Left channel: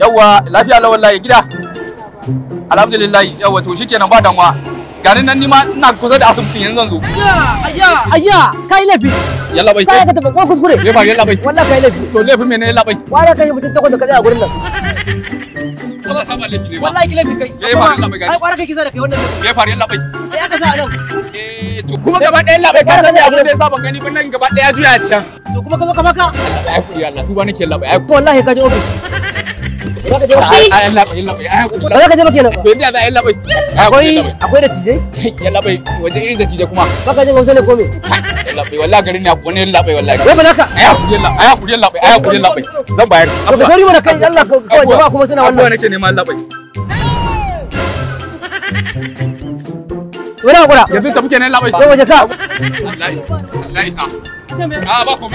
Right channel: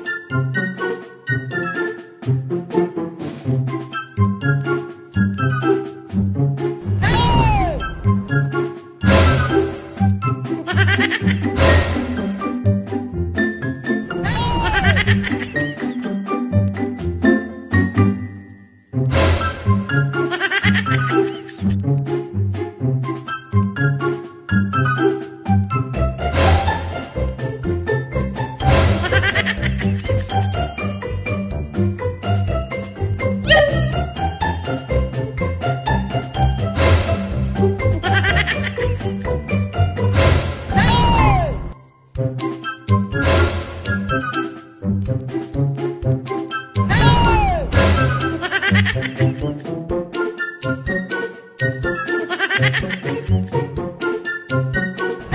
Yawwa lafiya la wallahi gida. Alhamdulillah yawwa to shikenan ba damuwa. Garin nan nima ina kusa da asibitin yanzu zan zo. Ayya kai laifi. Yalla bai. Kai ka tafi ko kuskure. Me ba yalla bai. Wallahi kai laifi. To laifin me ne yalla bai? Wani kai mutum takwas da ka tsaya gurin nan. Wallahi ka ba laifi ne ba. Wallahi laifi kai. Me faru yalla bai? Ai kwara kai kisa da kai wannan. Me faru yalla bai? Ya ka sa nan. To kuma gaba ɗaya yalla bai ka san abin da yasa ban gani ba nan gaba ɗaya juya can. To kuma ka zo ka maka. Ai kuri Allah tuba nake yalla bai. Wallahi ka je ofis. Za ka je ofis. Ai yalla bai yalla bai. Ai kuri. Ba za ka je ba kenan. To inda za yalla bai. Akwai da tije? Yalla bai waje irin da tije kuma. Ba ka je Hausa ne ko me? Yalla bai wallahi garin ne abu ne yalla bai wallahi. Wai ba za ka. Ai kuri yalla bai. Ai kuri yalla bai. Zan bayar. To ka sauri mana kai Allah kawai jama'a kuma suna wannan. Nake neman yalla bai. Wani hakura. Yanzu ta muke ne yalla bai. Kai waje ka. Wallahi sa. Ba ku.